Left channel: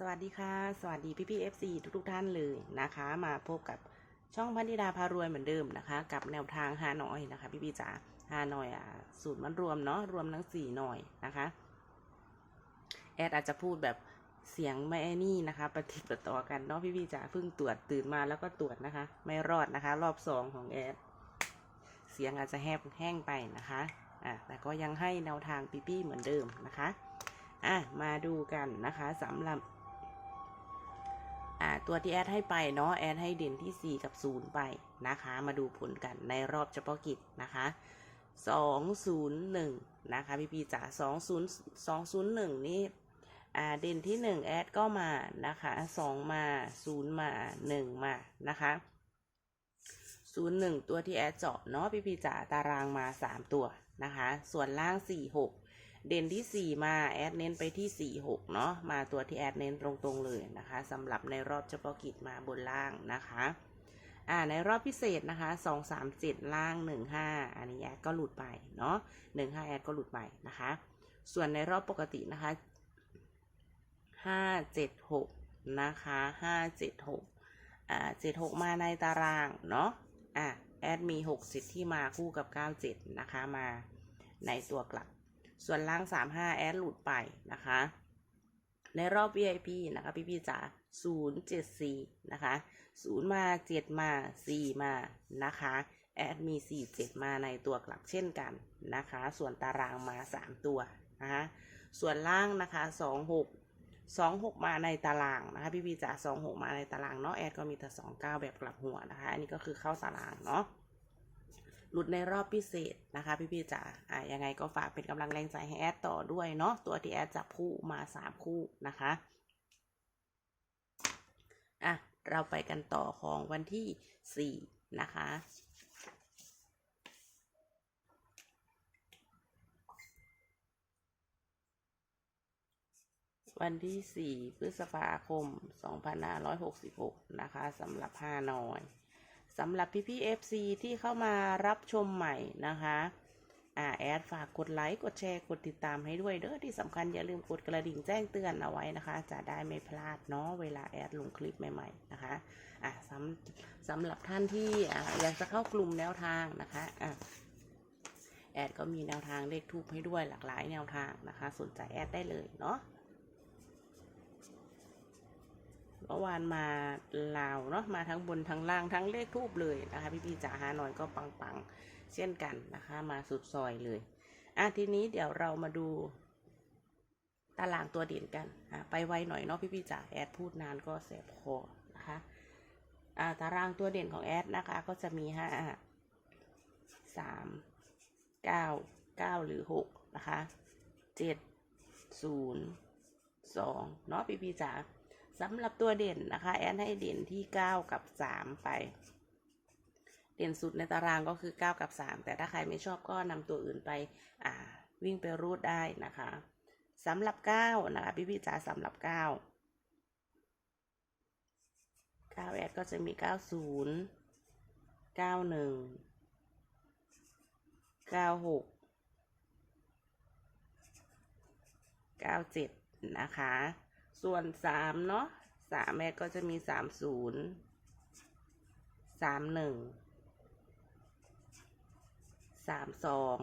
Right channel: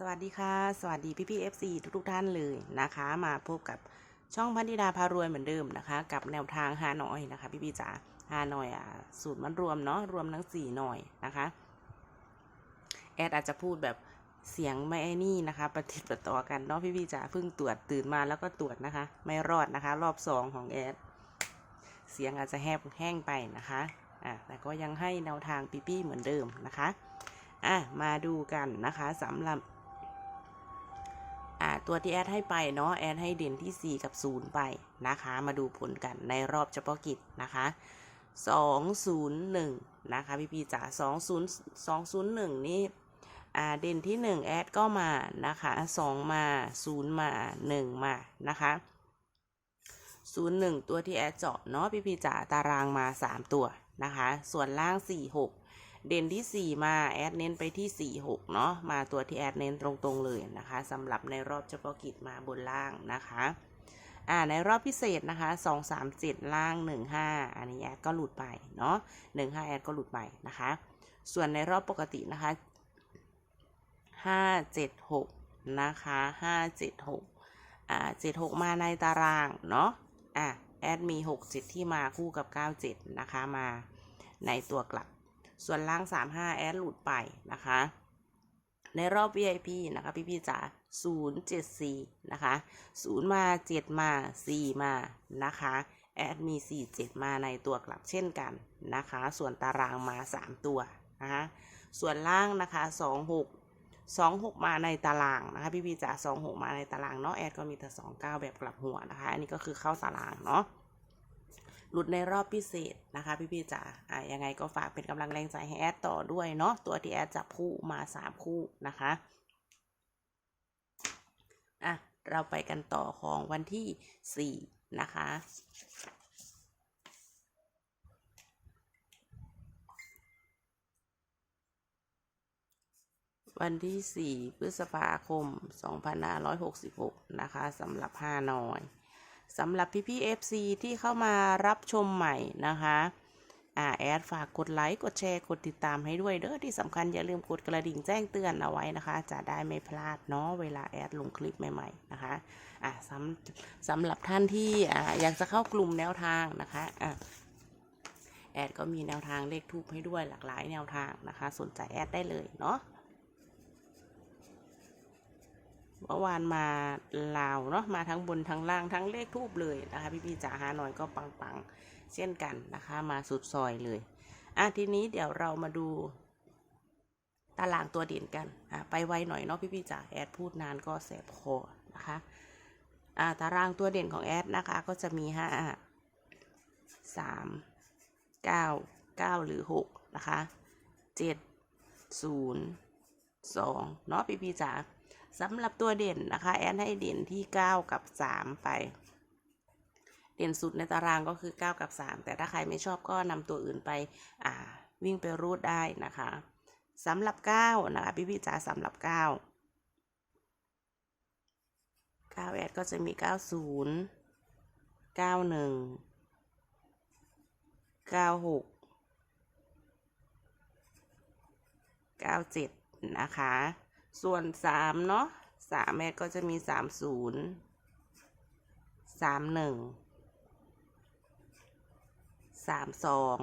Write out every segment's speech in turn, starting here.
สวัสดีค่ะ สวัสดีพี่พี่เอฟซีทุกๆท่านเลยนะคะ มาพบกับช่องพันธิดาพารวยเหมือนเดิมนะคะ กับแนวทางฮานอยนะคะ พี่พี่จ๋าฮานอยอะสูตรมันรวมเนาะรวมทั้งสี่หน่อยนะคะ แอดอาจจะพูดแบบเสียงไม่ไอ้นี่นะคะประติดประต่อกันเนาะพี่พี่จ๋าเพิ่งตรวจตื่นมาแล้วก็ตรวจนะคะ ไม่รอดนะคะ รอบสองของแอดเสียงอาจจะแหบแห้งไปนะคะอะแต่ก็ยังให้แนวทางพี่พี่เหมือนเดิมนะคะอะมาดูกันนะคะสำหรับ อ่าตัวที่แอดให้ไปเนาะแอดให้เด่นที่ 4 กับ 0 ไปนะคะ มาดูผลกันในรอบเฉพาะกิจนะคะ 201 นะคะพี่พีจ๋า20 201 นี่อ่าเด่นที่ 1 แอดก็มานะคะ 2 มา 0 มา 1 มานะคะ01 ตัวที่แอดเจาะเนาะพี่พีจ๋าตารางมา 3 ตัวนะคะ ส่วนล่าง 46 เด่นที่ 4 มาแอดเน้นไปที่ 4 6 เนาะมาตัวที่แอดเน้นตรงๆเลยนะคะสำหรับในรอบเฉพาะกิจมาบนล่างนะคะอ่าในรอบพิเศษนะคะ2 3 7ล่าง1 5อันนี้แอดก็หลุดไปเนาะ1 5แอดก็หลุดไปนะคะ ส่วนในรอบปกตินะคะ5 7 6นะคะ5 7 6อ่า7 6มาในตารางเนาะอะแอดมี6 7ที่มาคู่กับ9 7นะคะมาในตัวกลับ ส่วนล่าง 35 แอดหลุดไปนะคะ ในรอบ VIP นะคะพี่พี่ๆจ๋า074 นะคะ 0 มา 7 มา 4 มานะคะแอดมี 4 7 มาในตัวกลับเช่นกันนะคะ ส่วนตารางมา 3 ตัวนะคะส่วนล่างนะคะ 26 26 มาในตารางนะคะพี่พี่จ๋า26 มาในตารางเนาะแอดก็มีแต่29 แบบกลับหัวนะคะ อันนี้ก็คือเข้าตารางเนาะ หลุดในรอบพิเศษนะคะ พี่ๆจ๋าอะยังไงก็ฝากเป็นกำลังแรงใจให้แอดต่อด้วยเนาะตัวที่แอดจับคู่มา 3 คู่นะคะอะเราไปกันต่อของวันที่ 4 นะคะวันที่ 4 พฤษภาคม 2566 นะคะสำหรับห้านอย สำหรับพี่พี่ FC ที่เข้ามารับชมใหม่นะคะอ่าแอดฝากกดไลค์ กดแชร์ กดติดตามให้ด้วยเด้อที่สำคัญอย่าลืมกดกระดิ่งแจ้งเตือนเอาไว้นะคะ จะได้ไม่พลาดเนาะเวลาแอดลงคลิปใหม่ๆนะคะอ่าสำสำหรับท่านที่อ่าอยากจะเข้ากลุ่มแนวทางนะคะอ่าแอดก็มีแนวทางเลขทูปให้ด้วยหลากหลายแนวทางนะคะ สนใจแอดได้เลยเนาะ เมื่อวานมาลาวเนาะมาทั้งบนทั้งล่างทั้งเลขทูบเลยนะคะพี่พี่จ๋าหาหน่อยก็ปังๆเช่นกันนะคะ มาสุดซอยเลยอะทีนี้เดี๋ยวเรามาดูตารางตัวเด่นกันอะไปไวหน่อยเนาะพี่พี่จ๋าแอดพูดนานก็แสบคอนะคะอะตารางตัวเด่นของแอดนะคะก็จะมีห้าสามเก้าเก้าหรือหกนะคะเจ็ดศูนย์สองเนาะพี่พี่จ๋า สำหรับตัวเด่นนะคะ แอนให้เด่นที่ 9 กับ 3 ไป เด่นสุดในตารางก็คือ 9 กับ 3 แต่ถ้าใครไม่ชอบก็นำตัวอื่นไปอ่าวิ่งไปรูดได้นะคะสำหรับ 9 นะคะ พี่พี่จ๋าสำหรับ 9 9แอดก็จะมี 90 91 96 97 นะคะ ส่วนสามเนาะสามแม่ก็จะมีสามศูนย์สามหนึ่งสามสอง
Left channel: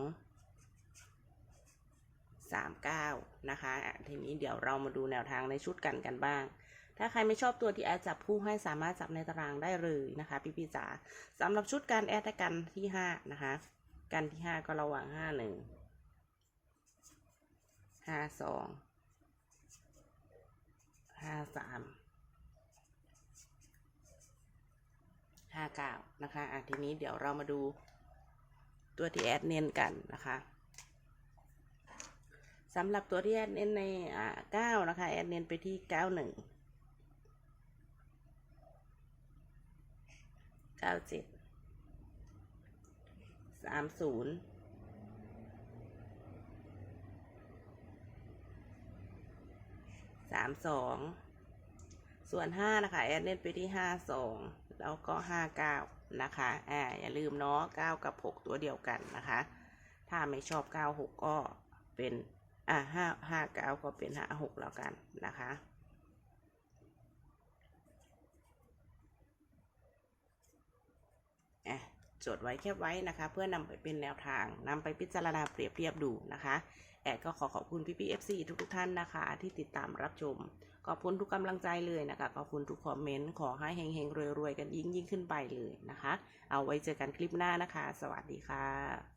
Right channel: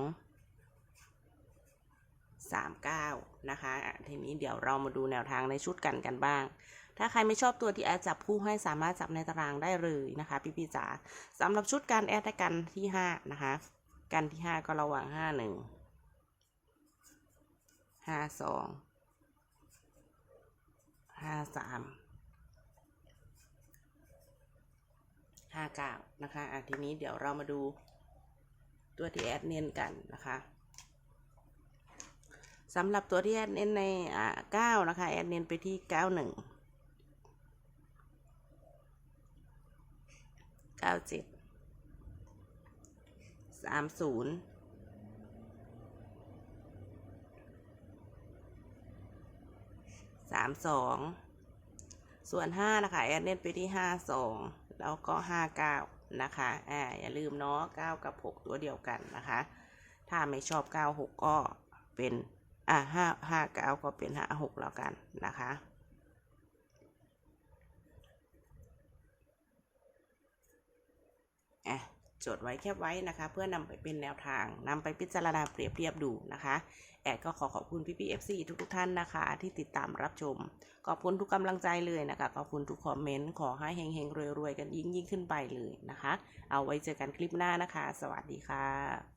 สามเก้านะคะ ทีนี้เดี๋ยวเรามาดูแนวทางในชุดกันกันบ้าง ถ้าใครไม่ชอบตัวที่แอดจับคู่ให้สามารถจับในตารางได้เลยนะคะ พี่พี่จ๋าสำหรับชุดการแอดกันที่ห้านะคะ กันที่ห้าก็ระหว่างห้าหนึ่งห้าสอง สามห้าเก้านะคะอะทีนี้เดี๋ยวเรามาดูตัวที่แอดเน้นกันนะคะสำหรับตัวที่แอดเน้นในอ่าเก้านะคะแอดเน้นไปที่เก้าหนึ่งเก้าเจ็ดสามศูนย์สามสอง ส่วน 5 นะคะแอนเล่นไปที่ 5 2 แล้วก็ 5 9 นะคะแอ่อย่าลืมเนาะ9 กับ 6 ตัวเดียวกันนะคะ ถ้าไม่ชอบ 9 6 ก็เป็นอ่า5 5 9 ก็เป็น 5 6 แล้วกันนะคะอะ จดไว้แคบไว้นะคะ เพื่อนำไปเป็นแนวทางนำไปพิจารณาเปรียบเทียบดูนะคะ แอดก็ขอขอบคุณพี่พีเอฟซีทุกๆท่านนะคะ ที่ติดตามรับชม ขอบคุณทุกกำลังใจเลยนะคะขอบคุณทุกคอมเมนต์ขอให้เฮงๆรวยๆกันยิ่งยิ่งขึ้นไปเลยนะคะ เอาไว้เจอกันคลิปหน้านะคะ สวัสดีค่ะ